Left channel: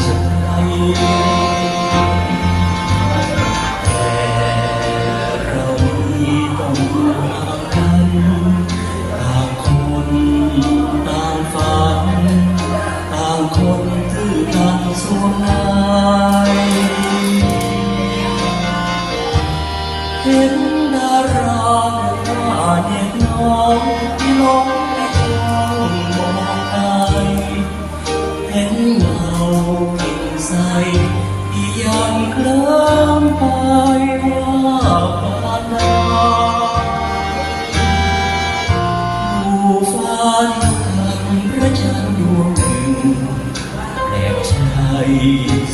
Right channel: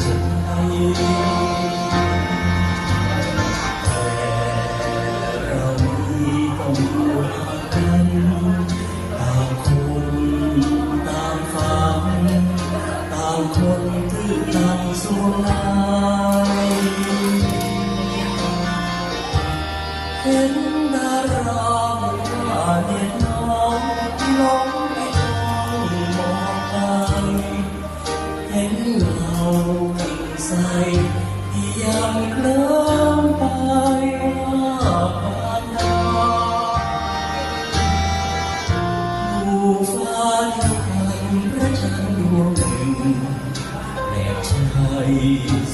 ใจแต่เรานี้ต้องห่างกันต่างคนต่างฝันต่างคนตื้อตันสูญหายเห็นดาราว่าเด็กน้องลงไปจ้องมองตายเห็นเงากิ่งใสที่ยังเคลิ้มไปว่าปานดาดูฟ้าที่พันพระจันทร์ดวงหนึ่งแปลกใจ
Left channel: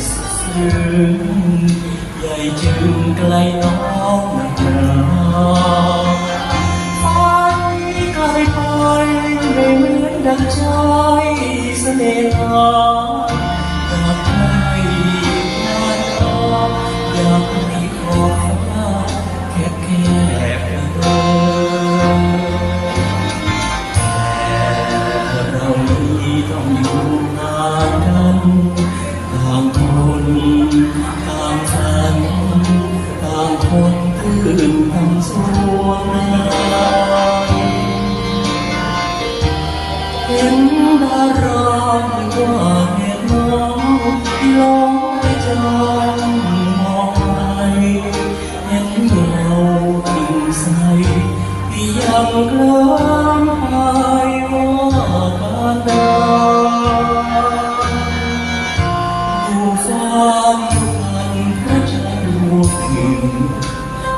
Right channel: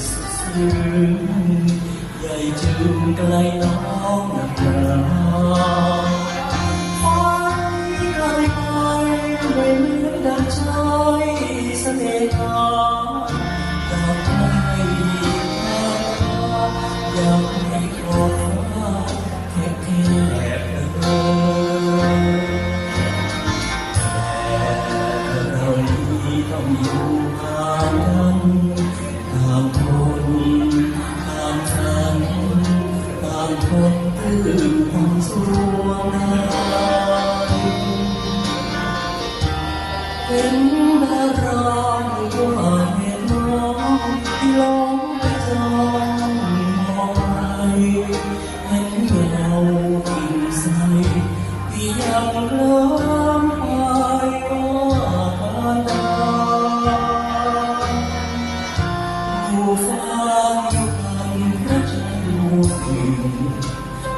ซึ้งใหญ่จึงไกลน้องนาฟ้าไกลไปไม่เหมือนดังใจเสน่หาอยากให้พาดาอยากให้ขอบฟ้าแคบแคบแต่เรานี้ต้องอยู่ห่างกันต่างคนต่างฝันต่างคนตื่นทำสวงเห็นดาราว่าเห็นน้องที่ลงไปจ้องมองไปเห็นเงากิ่งใสที่ยังเคลิ้มไปว่าดาดูฟ้าอยู่พันพระจันทร์ดวงหนึ่ง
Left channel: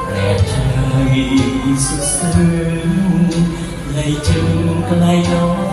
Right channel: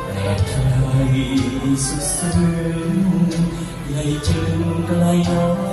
แปลกใจสุดซึ้งเลยจึงไกลน้อง